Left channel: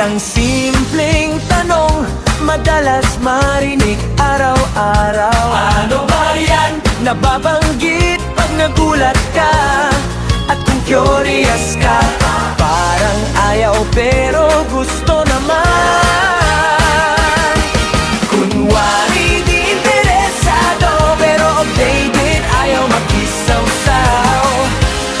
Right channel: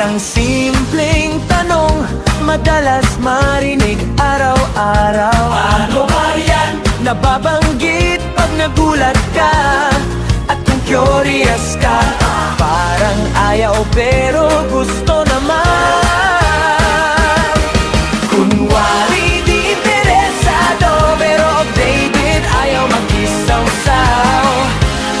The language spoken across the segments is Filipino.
Isang simpleng tanong, madalas marinig araw-araw. Ano ba yan? Nababanggit pag nagulat ka, at kung curious ka, parang ayaw pero gusto naman. Kunwari di interesado, pero updated, ayaw mag-isaw-saw.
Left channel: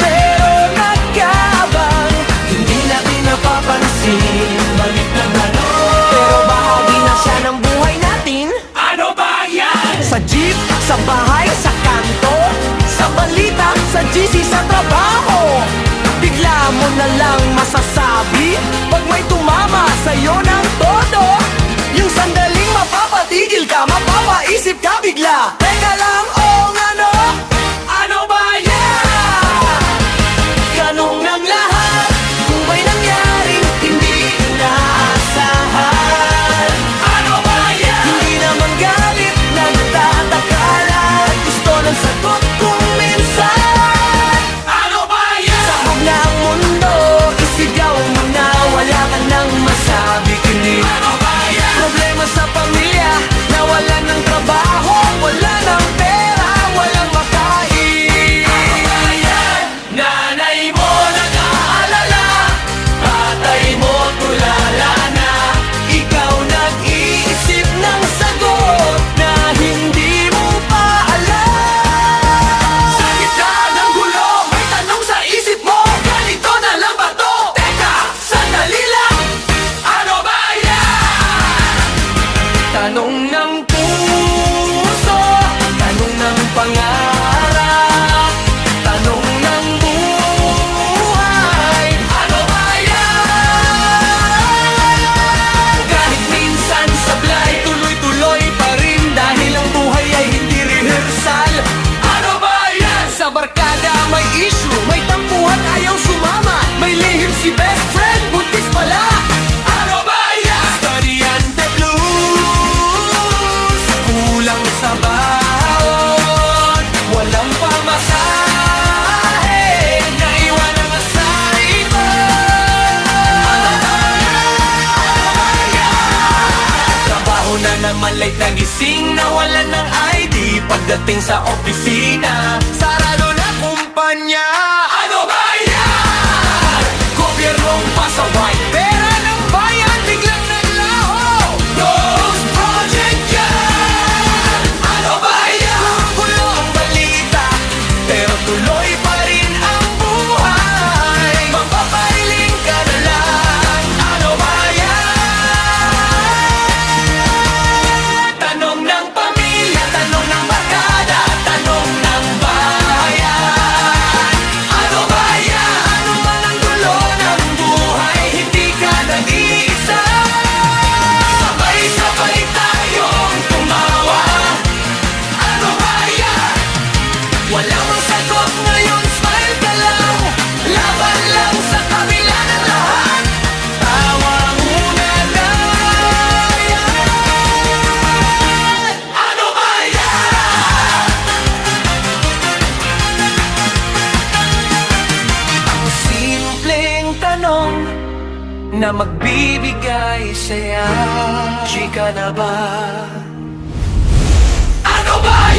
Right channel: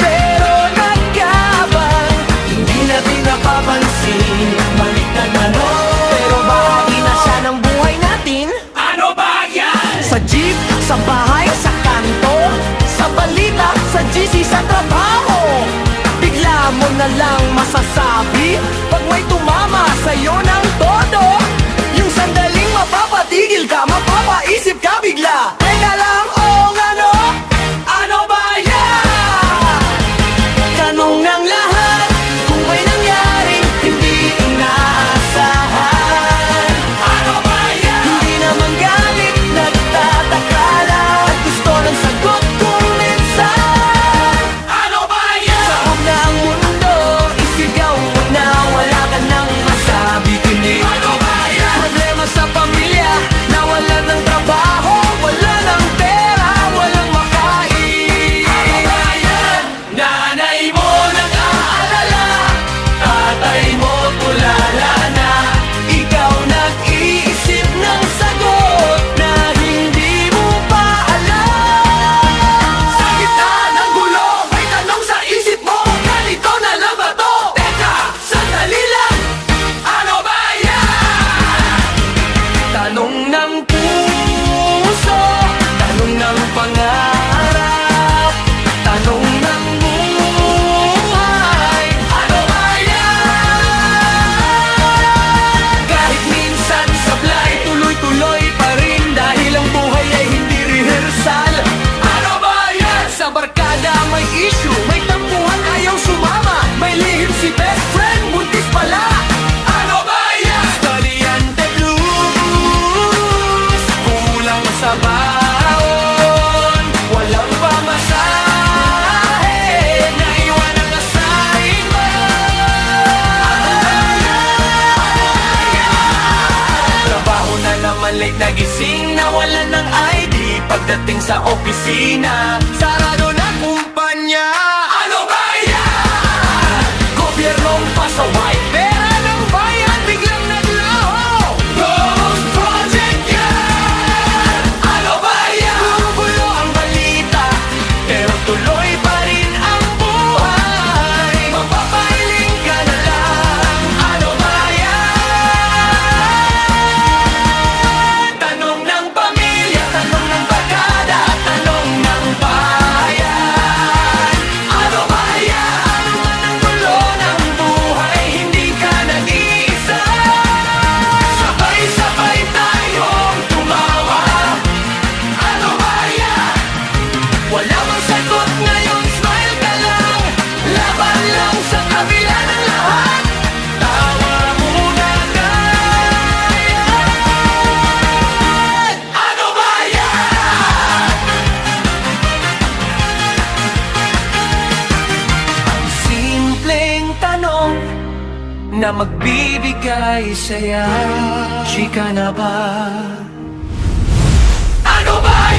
Pero nagkabang, hindi natin napapansin. Balik na gano'n, pero bahagi na siya ng buhay natin. Ano ba yan? Sa jeep, sa bahay, sa kanto, sa balita, sa GC, sa trabaho. Bigla mo na lang masasabi pag may tumama sa'yo ng todo. Yung sandaling mapapatigil ka, mapapaisip ka bigla. Teka lang, ano? Ano ba yan? Tanong ng lahat, kung may nangyaring hindi inaasahan. Ano ba yan? Hindi naman galit, nagtataka lang, at gusto ng sagot kung minsan. Ano ba yan? Sabog na ang mundo, isigaw mo na, wala ka nang masabi kundi ano ba yan? Problema sa pamilya, nawalan ng trabaho, wala ng pera, walang makain. Ano ba yan? Nanay mo nag-aalala, tatay mo tulala na, ikaw nag-iisip ng sagot na hindi mo pa alam. Sa gitna ng gulo, may tanong sa isip mo, ganito na lang ba to? Teka, sandali lang, ano ba yan? Tanong ng puso, tanong ng pangarap, tanong ng buhay. Ano ba yan? Kahit minsan sablay, tuloy-tuloy pa rin, dahil ang buhay ay hindi rehearsal. Ano ba yan? Sa barkada may issue, may tampuhan, ayaw sumama, may lihim si best friend, buntis pala. Ano ba yan? Estudyante blues, kulang sa baon, walang pamasahe, naiwan ang assignment. Trabaho na naman, late nagising, nawalan ng ID pagdating sa opisina, sarado na kumpanya. Ano ba yan? Gobyernong pasaway, pera ng bayan biglang naglaho. Ghost Project yan! Ano ba yan? Gugulo ang balita, pero tuloy pa rin ang buhay. Magpapailing ka na lang. Ano ba yan? Tanong ng pamilya, tanong ng barkada, tanong ng bayan. Ano ba yan? Ano man ang gulo ng buhay, hindi ka nag-iisa. Sabay-sabay tayong tumawa. Ano ba yan? Wala mang sagot ngayon, smile ka lang, laban lang sa kabila ng lahat. Tawa muna dayan. Ano ba yan? Ang simpleng tanong na magbibigay saya. Chika na ba? Ano ba